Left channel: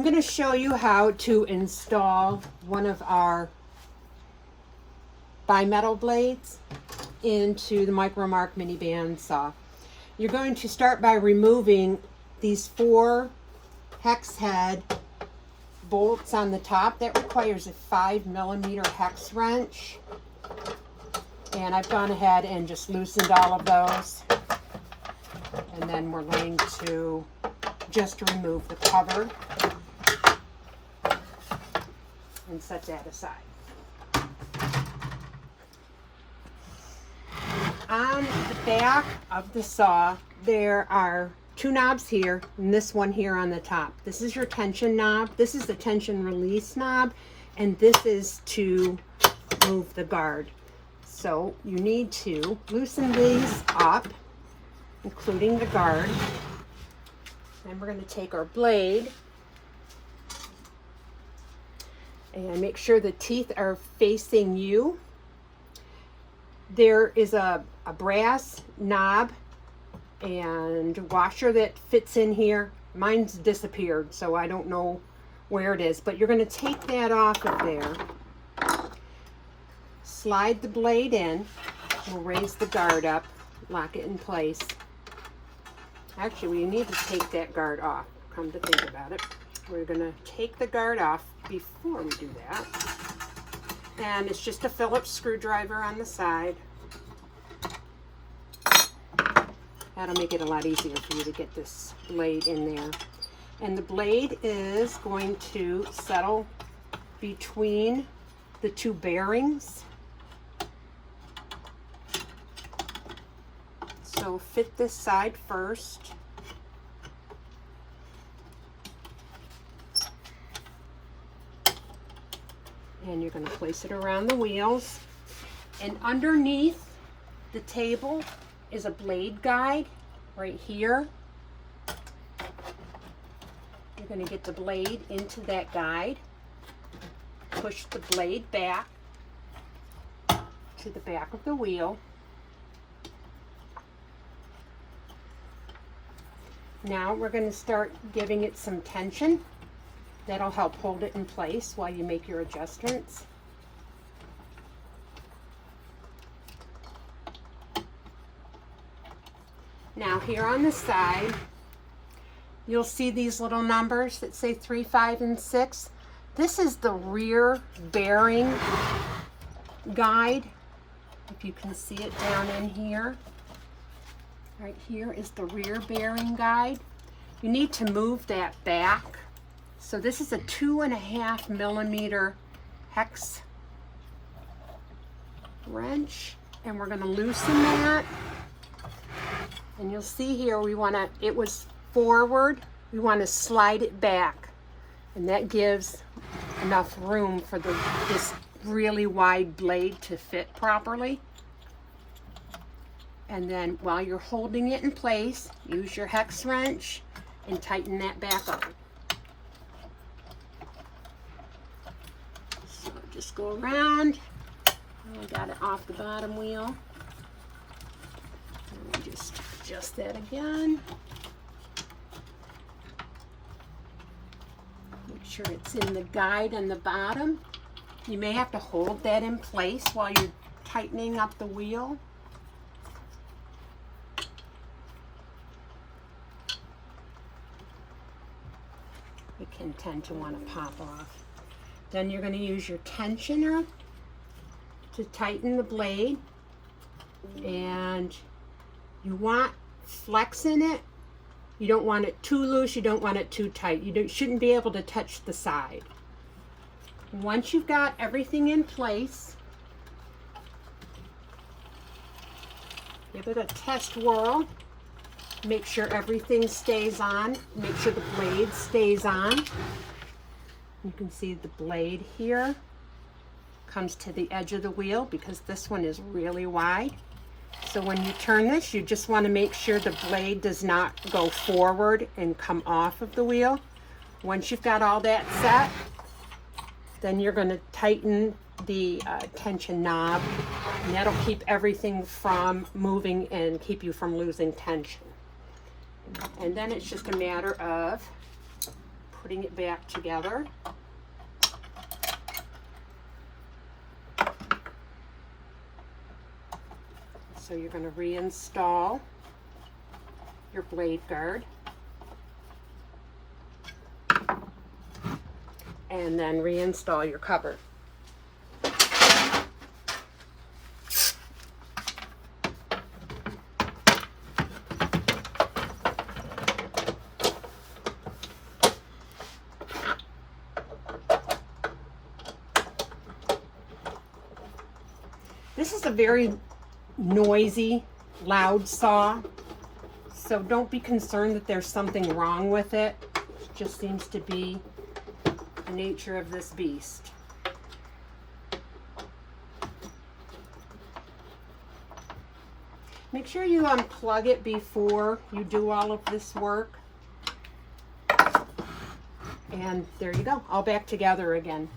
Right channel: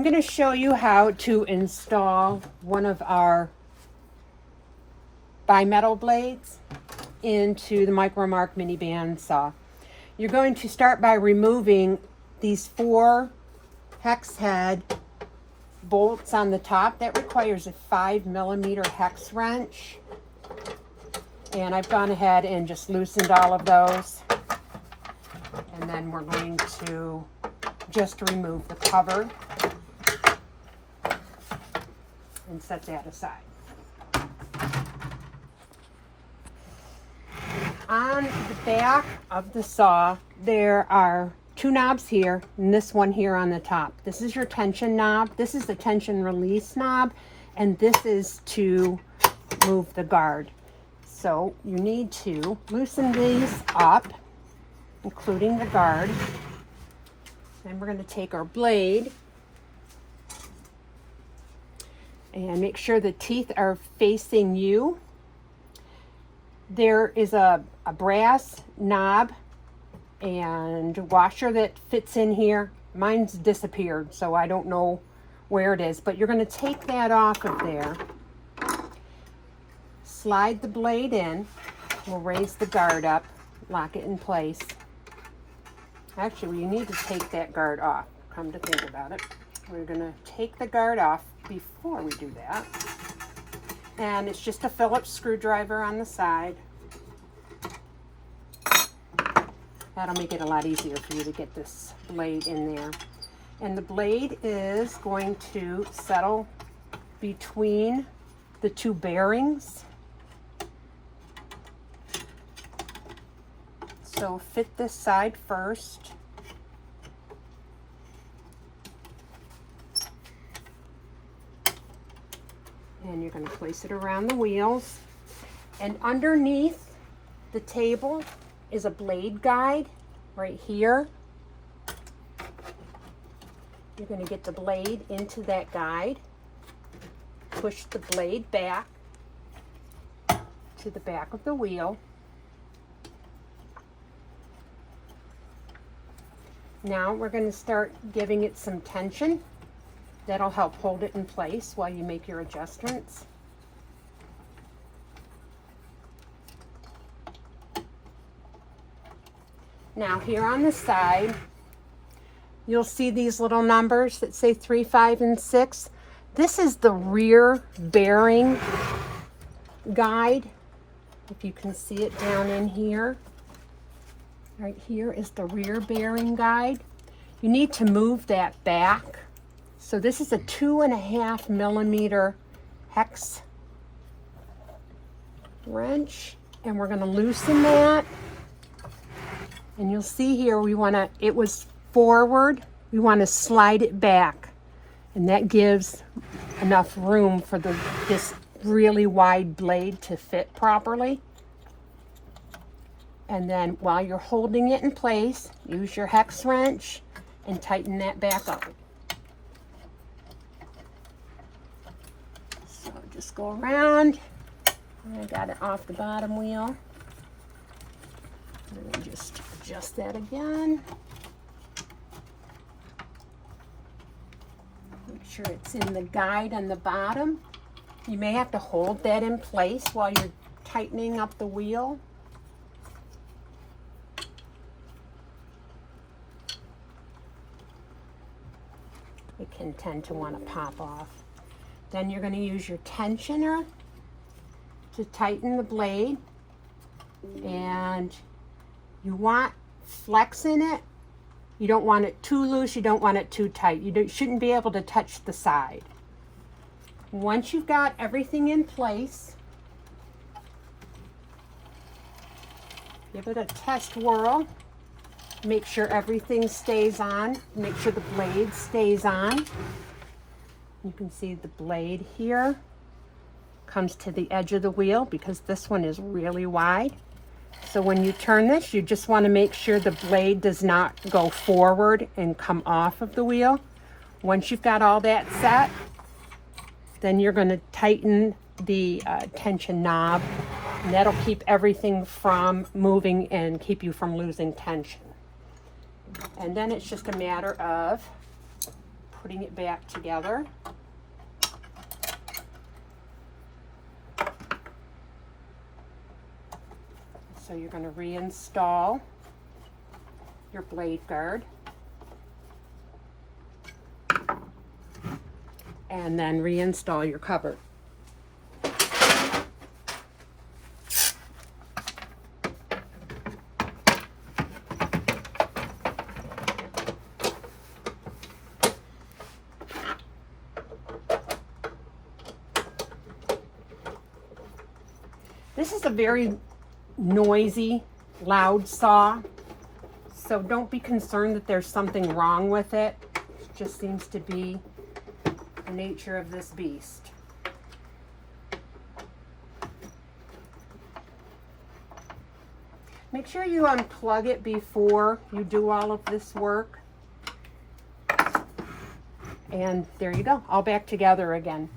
I'm going to show you how to install one of our bimetal blades into the Micromark mini bandsaw. You're going to start by removing these 4 hex head bolts on the top. That requires a 5mm hex wrench. And I've gone ahead and just loosened all of those. And then we're going to just remove the cover and set that aside. On the back of the saw, there are 2 knobs here and this one here on the top. This is your tension knob. This is the tension release knob, and this is to move the guard. So you need to loosen these up, including the guard. Then we're going to take our blade and make sure the teeth are facing you. There is a brass knob and washer that fits in here. Mine's disappeared, so I don't know where it is, but you're going to take that off of there. Slide the blade in. We'll raise the guard up, lock it in place. Actually, we need to take that guard off, come to think about it. We're going to take the guard off before we do that. And it's just a Phillips screwdriver on the side. That'll make it a lot easier for you to get this blade in there. And the blade is going to settle between the 2 bearings. So fit this side first. And you're going to place it around the wheels. And underneath the table is a blade guide right here. You're going to get the blade into that guide. Push the blade back to the back of the wheel. Now we're going to start giving it some tension. That'll help hold it in place while you make your adjustments. Now here on the side, you'll see these little numbers that say 3, 5, and 6. This is the rear bearing guide. If you can see it down in here. Right here is the rear bearing guide. You need to move that back. So this is a 2.5mm hex wrench, and we're going to loosen that. And you'll see here it was forward, we want to slide it back, and that gives enough room for this really wide blade to fit properly. And then while you're holding it in place, use your hex wrench and tighten that back up. So just go around. I got it off the bottom wheel. And we'll just adjust that again. Make sure it's in the guide on the bottom. You may have to hold that in place while you're tightening up the wheel. It can tend to want to pop off. Then you're going to use your tensioner to tighten the blade, and you want flex in it. You don't want it too loose, you don't want it too tight. You shouldn't be able to touch the side. Once you've got everything in place, give it a test whirl. Make sure everything stays on. Make sure the blade stays on. You can see the blade here comes to the edge of the wheel because this one is really wide. So when you turn this, you just want to make sure the blade does not go forward and come off of the wheel. Once you've got all that set, then you're going to tighten the tension knob, and that'll keep everything from moving and keep you from losing tension. And then it's just a matter of putting it back together. So you're going to reinstall your blade guard. And then reinstall your cover. This is a very noisy, loud saw, so don't be concerned that there's something wrong with it. It just seems to be the nature of this beast. Make sure you unplug it before you do all of this work. And there you go, all back together again.